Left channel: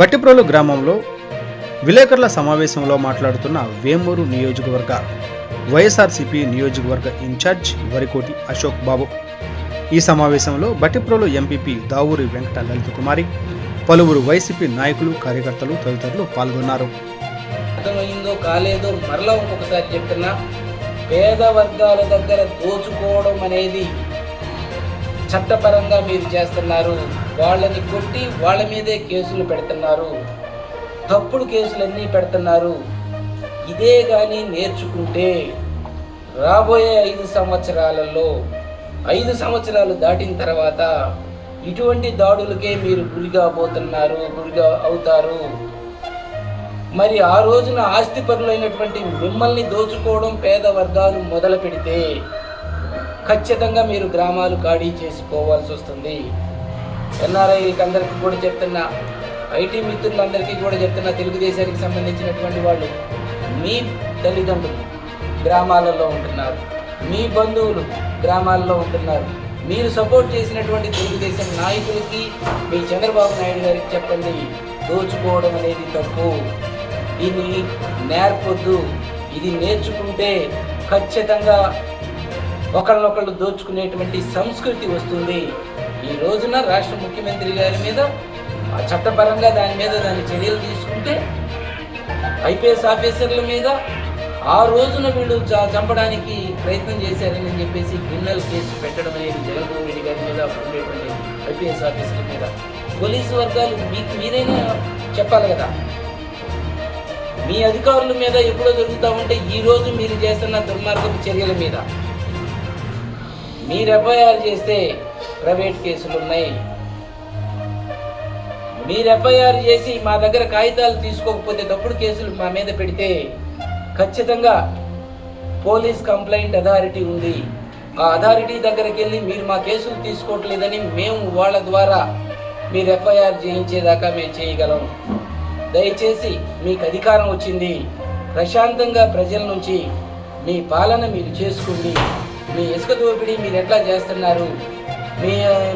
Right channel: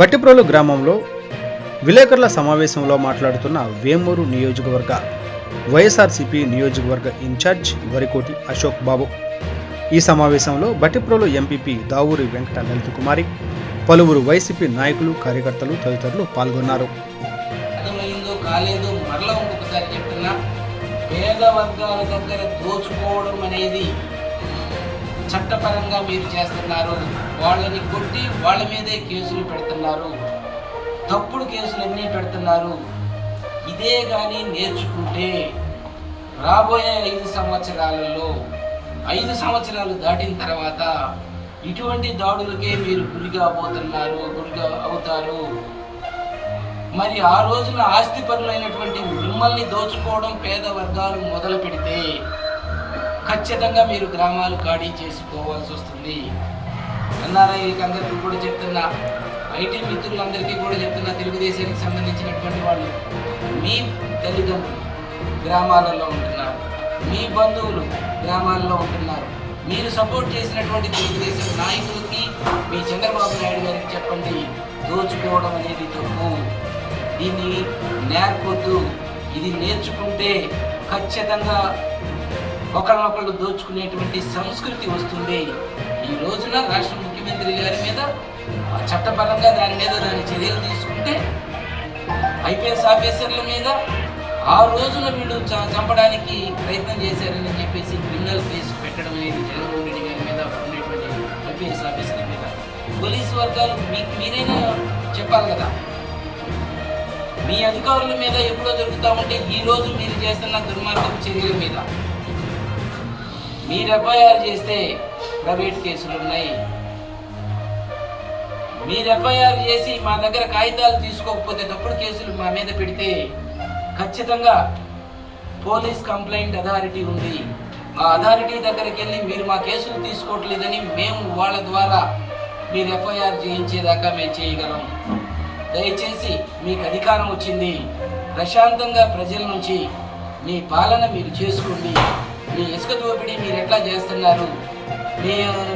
బట్టిప్రోలు గ్రామంలో విలేకరుల సమావేశంలో మాట్లాడుతున్న వేమూరు నియోజకవర్గ వైఎస్ఆర్సీపీ నియోజకవర్గ ఇన్ఛార్జ్ వరికోటి అశోక్ బాబు. ఈ సమావేశంలో బట్టిప్రోలు ఎంపీపీ దావూరి వెంకట లలిత కుమారి, పలువురు వైసీపీ నాయకులు, కార్యకర్తలు తదితరులు పాల్గొన్నారు. అర్థమైందో కాలేదో మరలా ఇంకొకసారి చెప్తున్నా, పేద వర్గాల దగ్గర దోచుకోవడం అనేది చట్టపరంగా మీరు చేస్తున్నారు. వాళ్ళని కొట్టి వాళ్ళ మీదే కేసులు పెడుతున్నారు, తప్పుడు కేసులన్నీ పెడుతున్నారు. ఇదే కానీ నేర్చుకుంటే రాబోయే 5 సంవత్సరాలలో 5 సంవత్సరాలు దాటిన తర్వాత ఇటువంటి దాడులకే మీరు గురిగా అవుతారు. మరి ఆ రోజున ఆస్తిపరులైనటువంటి మిమ్మల్ని దోచుకోవడం పేద వర్గాలు మొదలు పెడితే ఖచ్చితంగా మీరు గ్రామాలు ఖాళీ చేసుకోవాల్సి వస్తుంది. ఎన్ఆర్ఐకి అందరికీ కూడా చెప్తున్నా, ఐటీ మిత్రులందరికీ కూడా చెప్తున్నా, తెలుగుదేశానికి సంబంధించినటువంటి వాళ్ళు మీ తల్లిదండ్రులు గ్రామాలలో ఉంటున్నారు, మీ బంధువులు గ్రామాల్లో ఉంటున్నారు. మీరు సపోర్ట్ చేసినటువంటి తెలుగుదేశం నాయకులకి, మీ చంద్రబాబు నాయుడు గారికి చెప్పండి, దోచుకోవడం అనేది తప్పు, దీన్ని నేర్పొద్దు. ఇది నేర్చుకుంటే ఖచ్చితంగా ఒకళ్ళనొకళ్ళు దోచుకునేటువంటి సంస్కృతి వస్తుంది. ఈ రోజున రాష్ట్ర ముఖ్యమంత్రి గారి మీద చట్టపరంగా దాని చర్యలు తీసుకుంటే, ఐపీఎస్ ఆఫీసర్ల మీద ఆ రోజున వీళ్ళు చంపడానికి ప్రయత్నం చేశారని చెప్పేసి క్రిమినల్ కేసు పెట్టడం అనేది జగన్మోహన్ రెడ్డి గారి మీద ఉండేటువంటి ఐపీఎస్ ఆఫీసర్ల మీద పోలీసు వర్గాలు మీరైనా చెప్పాలి కదా. మీ అధికారుల మీద ఎప్పుడో జరుగుతూ ఉంటే ఈ రోజు మీరు చేస్తున్న దుర్మార్గపు చర్యల మీద మీరు ఎఫ్ఐఆర్ చేస్తే ప్రైవేట్ కేసులు ఉన్నాయి. మీరు ఎఫ్ఐఆర్ చేసి మా దగ్గర కాగితాలు తీసుకోకపోతే తప్పుడు కేసులు మా మీద పెడితే ఖచ్చితంగా పోలీస్ కంప్లైంట్ అథారిటీ ఉంది. ఆ అథారిటీ దగ్గరికి వెళ్ళి మీరు మా కేసులు తీసుకోవట్లేదని మేము వాళ్ళ ద్వారా మీరు ఎఫ్ఐఆర్ చేయించేదాకా మేము చేయగలం. దయచేసి మీకు అధికారం వచ్చింది, ప్రశాంతంగా ప్రజల నుంచి మీ పాలన మీరు చేసుకోండి. మీ ఇసుక దోపిడీ మీరు ఎట్లా చేస్తున్నారు,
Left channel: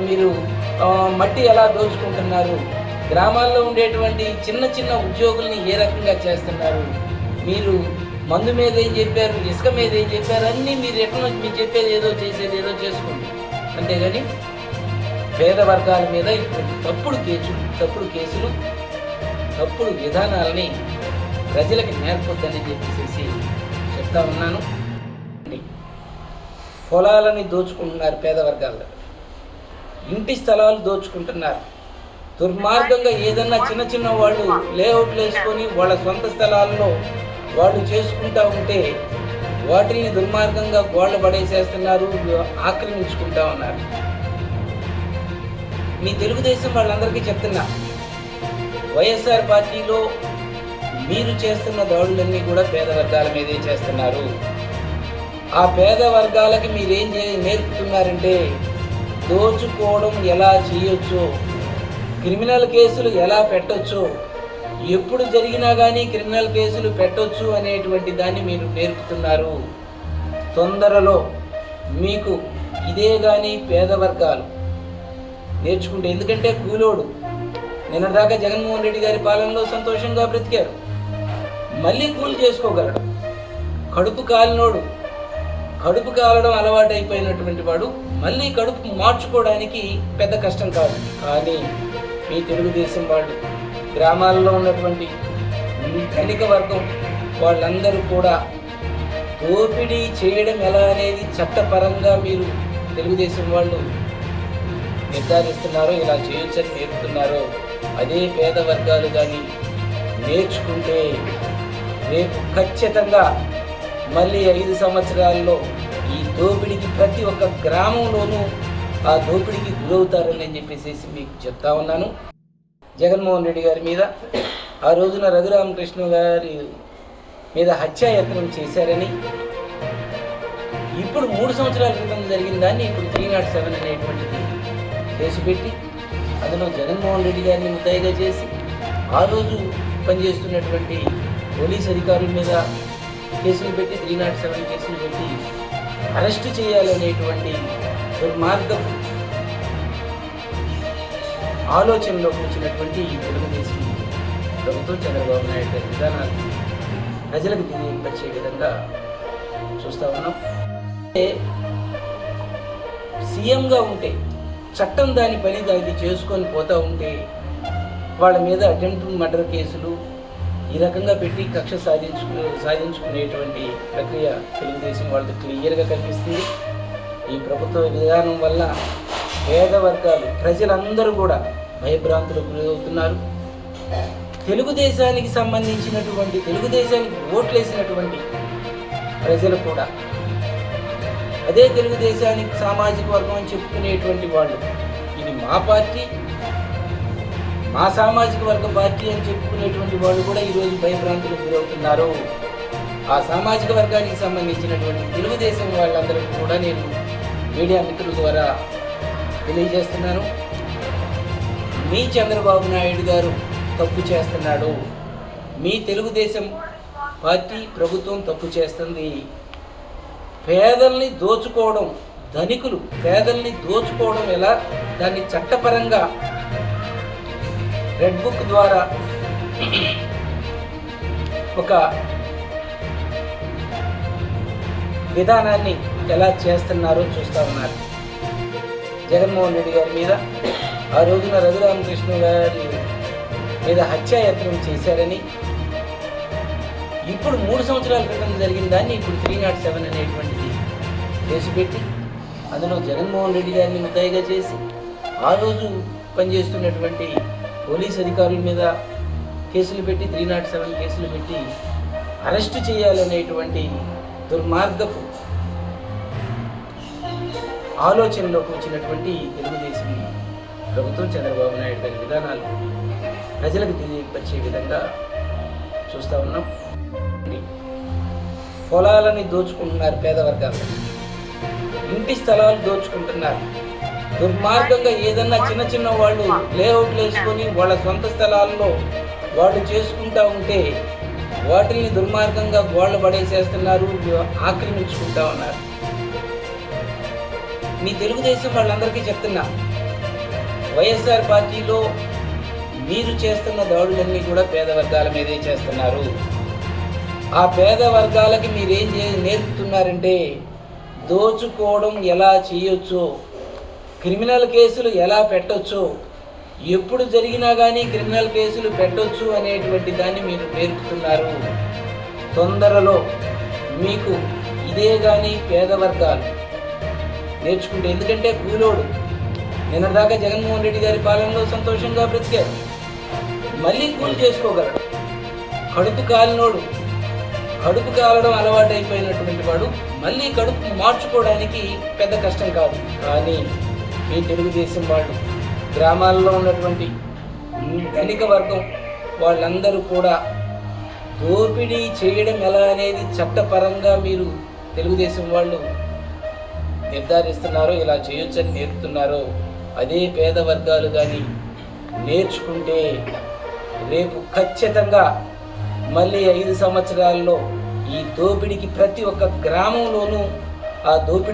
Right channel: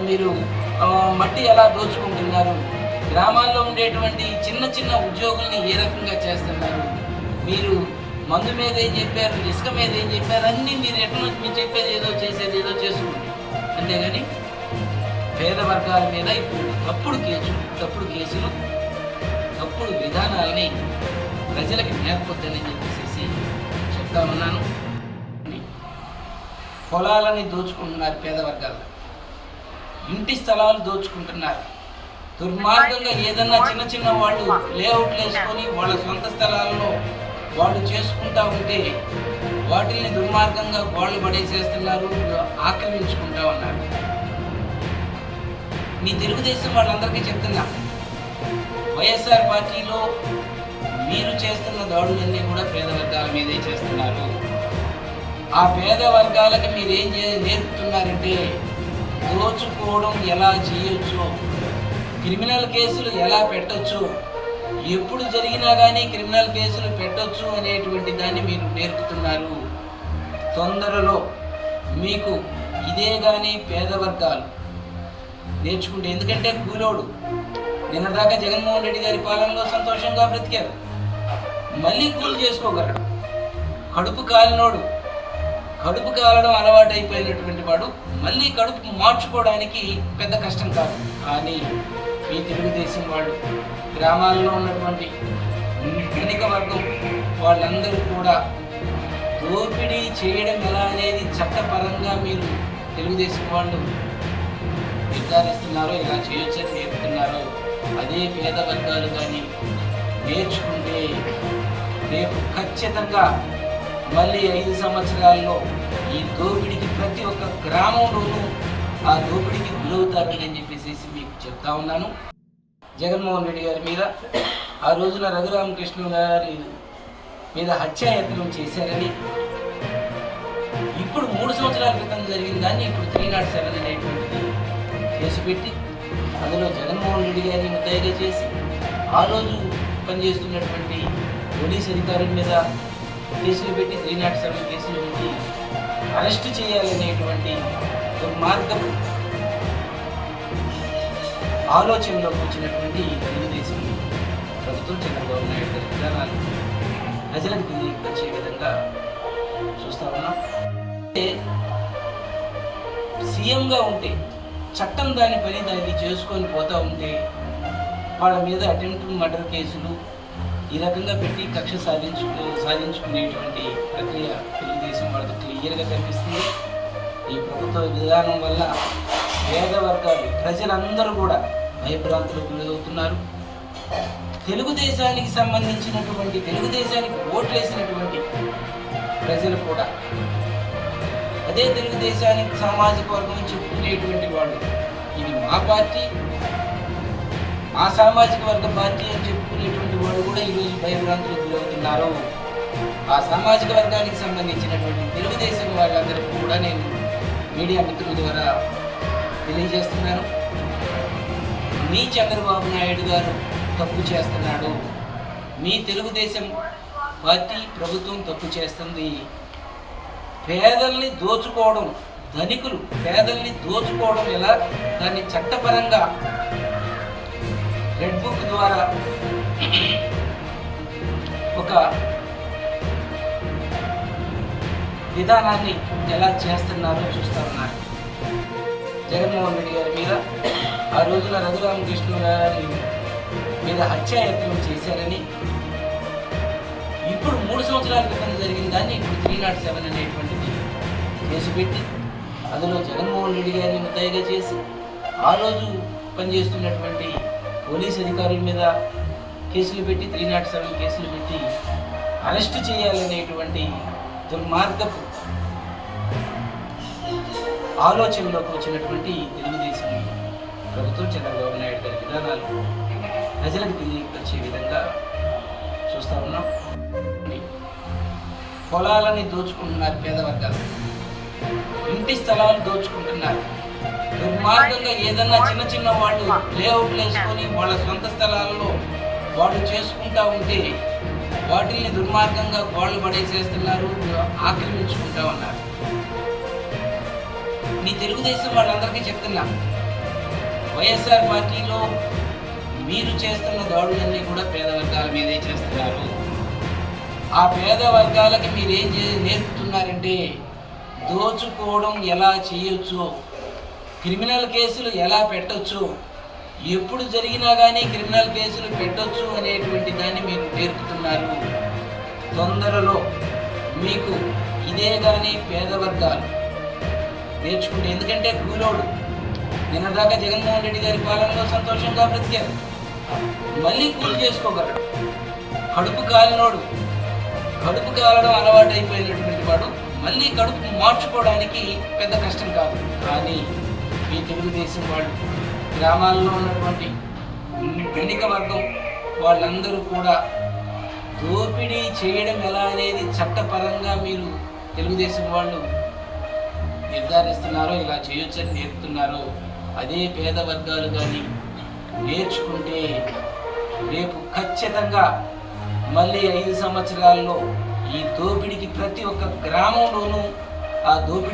మీరు మట్టి ఎలా దోచుకుంటున్నారు, గ్రామాల్లో ఉండేటువంటి చిన్న చిన్న ఉద్యోగుల్ని ఏ రకంగా చేస్తున్నారు, మీరు మందు మీద ఏం చెప్పారు, ఇసుక మీద ఏం చెప్పారు, అన్నీ మీరు ఎట్లా మీరు చెప్పేది ఏదో చేసేది ఏదో చేసుకోండి. అంతేగాని పేద వర్గాల మీద ఇప్పుడు తప్పుడు కేసులు తప్పుడు విధానాలని ప్రజలకి నేర్పొద్దని చెప్పేసి చెప్తా ఉన్నాను. పొలాలని దోచుకుంటున్నారు, పేద వర్గాల్లో ఇంటి స్థలాలు దోచుకుంటున్నారు. దుర్మార్గంగా ఏదన్నా చిన్న వాళ్ళు లేఅవుట్లు వేసుకొని వాళ్ళ సొంత స్థలాల్లో వాళ్ళు చేసుకుంటా ఉంటే వాటిని దుర్మార్గంగా గోళ్ళ పడేసేస్తున్నారు, ఆక్రమించుకుంటా ఉన్నారు. మీ తెలుగుదేశం వాళ్ళందరికీ చెప్తున్నా, వైఎస్ఆర్ పార్టీలో మీరు చేస్తున్న దాడులన్నీ కూడా పేద వర్గాల మీదే చేస్తున్నారు. ఆ పేద వర్గాలకి మీరేం నేర్పుతున్నారంటే దోచుకోవడం ఎలా చేయొచ్చు, క్రిమినల్ కేసులు ఎలా పెట్టొచ్చు, ఎప్పుడు జరిగినా కానీ క్రిమినల్ కేసులు పెట్టొచ్చు అనేటువంటి దాన్ని మీరు నేర్పుతున్నారు. తొందరలో మీకు ఇదే కానీ పేద వర్గాలు నేర్చుకుంటే, ఎందుకంటే కూలోడు నిన్నటిదాకా జగన్మోహన్ రెడ్డి గారి పాలనలో సంతోషంగా బ్రతికారు, మళ్ళీ కూలి చేసుకోగలడు. కడుపు కాలడం అలవాటు అయిపోయినటువంటి వాడు మళ్ళీ కడుపు మార్చుకోవడానికి పెద్ద కష్టం కాదు. కానీ మీ తెలుగుదేశం వాళ్ళు గ్రామాల్లో ఉన్నటువంటి ధనిక వర్గం వాళ్ళందరూ కూడా దోపిడీ చేయడం ఎలా అనేది చట్టపరంగా మీరు తెలుగుదేశం వాళ్ళు నిర్ధారిస్తున్నారో, ఇలా చేయొచ్చని నేర్పుతున్నారో, అదే పేద వర్గాలు కానీ నేర్చుకుంటే రేపు ఖచ్చితంగా మళ్ళీ 5 సంవత్సరాల్లో ఈ దోపిడీకి ప్రతి ఒక్క గ్రామంలోనూ ఆ దోపిడీకి గురవుతారని చెప్పేసి మీకు చెప్తా ఉన్నాను. జగన్మోహన్ రెడ్డి గారి మీద ఆ రోజున రఘురామకృష్ణ గారి మీద హత్యాయత్నం చేశారని, ఇప్పుడు 3 సంవత్సరాల క్రితం జరిగిన దాన్ని ఇప్పుడు 307 అనేటువంటిది కేసు పెట్టి అందులో జగన్మోహన్ రెడ్డి గారిని ముద్దాయిగా చేసి ఆ రోజు పనిచేస్తున్నటువంటి పోలీస్ అధికారుల మీద కేసులు పెట్టి 307 కేసులు పెట్టి అరెస్ట్ చేయాలనేటువంటి దుర్మార్గపు ఆలోచనలోకి వచ్చినటువంటి తెలుగుదేశం ప్రభుత్వం చంద్రబాబు నాయుడు గారి విధానాలు ప్రజలకు తెలియపరిచే విధంగా చూస్తూ ఉన్నాం. సీఎంగా ఉంటే చట్టం దాని పని దాన్ని చేసుకొని పోతూ ఉంటే వాళ్ళ మీద అటెంప్ట్ మర్డర్ కేసులు ఈ రకంగా పెట్టి కక్ష సాధించుకునేటువంటి ప్రక్రియ తెలుగుదేశం వాళ్ళతో క్లియర్గా కనిపిస్తుంది. ఈ ప్రభుత్వ విధానం వల్ల పేద వర్గాలు ప్రజలందరూ కూడా భయభ్రాంతులకు గురవుతున్నారు. తెలుగుదేశానికి సంబంధించినటువంటి తెలుగుదేశానికి ఓట్లేసినటువంటి ప్రజలు కూడా అదే తెలుగుదేశానికి సామాజిక వర్గం అని చెప్పుకునేటువంటి వాళ్ళు ఇది మా పార్టీ, మా సామాజిక వర్గ పార్టీ అని చెప్పుకునేటువంటి వాళ్ళు కూడా ఈరోజు భయభ్రాంతులకు గురవుతున్నారు. ఆ సామాజిక వర్గానికి సంబంధించినటువంటి తెలుగుదేశం వాళ్ళందరికీ కూడా నేను మీడియా మిత్రుల ద్వారా తెలియజేస్తున్నాను. మీ చంద్రబాబు నాయుడు గారు తప్పు చేస్తున్నాడు, మీ తెలుగుదేశం పార్టీ ప్రభుత్వం తప్పు చేస్తుంది. పేదల్ని దోచుకోవడం, ధనికులు పేదల్ని దోచుకోవడం ఎలా, దాన్ని చట్టపరంగా రెడ్ బుక్ ద్వారా ఒక విధానాన్ని ఎలా చేస్తున్నారో చూస్తా ఉన్నారు. జగన్మోహన్ రెడ్డి గారి మీద ఆ రోజున రఘురామకృష్ణ గారి మీద హత్యాయత్నం చేశారని, ఇప్పుడు 3 సంవత్సరాల క్రితం జరిగిన దాన్ని ఇప్పుడు 307 అనేటువంటిది కేసు పెట్టి అందులో జగన్మోహన్ రెడ్డి గారిని ముద్దాయిగా చేసి ఆ రోజు పనిచేస్తున్నటువంటి పోలీస్ అధికారుల మీద కేసులు పెట్టి 307 కేసులు పెట్టి అరెస్టు చేయాలనేటువంటి దుర్మార్గపు ఆలోచనలోకి వచ్చినటువంటి తెలుగుదేశం ప్రభుత్వం చంద్రబాబు నాయుడు గారి విధానాలు ప్రజలకు తెలియపరిచే విధంగా చూస్తూ ఉన్నాం. పొలాలని దోచుకుంటున్నారు, పేద వర్గాలు ఇంటి స్థలాలు దోచుకుంటున్నారు. దుర్మార్గంగా ఏదన్నా చిన్న చిన్న వాళ్ళు లేఅవుట్లు వేసుకొని వాళ్ళ సొంత స్థలాల్లో వాళ్ళు చేసుకుంటా ఉంటే వాటిని దుర్మార్గంగా గోళ్ళు పడేసేస్తున్నారు, ఆక్రమించుకుంటా ఉన్నారు. మీ తెలుగుదేశం వాళ్ళందరికీ చెప్తున్నా, వైఎస్ఆర్ పార్టీలో మీరు చేస్తున్న దాడులన్నీ కూడా పేద వర్గాల మీదే చేస్తున్నారు. ఆ పేద వర్గాలకి మీరేం నేర్పుతున్నారంటే దోచుకోవడం ఎలా చేయొచ్చు, క్రిమినల్ కేసులు ఎలా పెట్టొచ్చు, ఎప్పుడు జరిగినా కానీ క్రిమినల్ కేసులు పెట్టొచ్చు అనేటువంటి దాన్ని మీరు నేర్పుతున్నారు. తొందరలో మీకు ఇదే కానీ పేద వర్గాలు నేర్చుకుంటే, ఎందుకంటే కూలోడు నిన్నదాకా జగన్మోహన్ రెడ్డి గారి పాలనలో సంతోషంగా బ్రతికారు, మళ్ళీ కూలి చేసుకోగలడు. కడుపు కాలినోడు, కడుపు కాలడం అలవాటు అయిపోయినటువంటి వాడు మళ్ళీ కడుపు మార్చుకోవడానికి పెద్ద కష్టం కాదు. కానీ మీ తెలుగుదేశం వాళ్ళు గ్రామాల్లో ఉన్నటువంటి ధనిక వర్గం వాళ్ళందరూ కూడా దోపిడీ చేయడం ఎలా అనేది చట్టపరంగా మీరు తెలుగుదేశం వాళ్ళు నిర్ధారిస్తున్నారో, ఇలా చేయొచ్చని నేర్పుతున్నారో, అదే పేద వర్గాలు కానీ నేర్చుకుంటే రేపు ఖచ్చితంగా మళ్ళీ 5 సంవత్సరాల్లో ఈ దోపిడీకి ప్రతి ఒక్క గ్రామంలోనూ ఆ దోపిడీ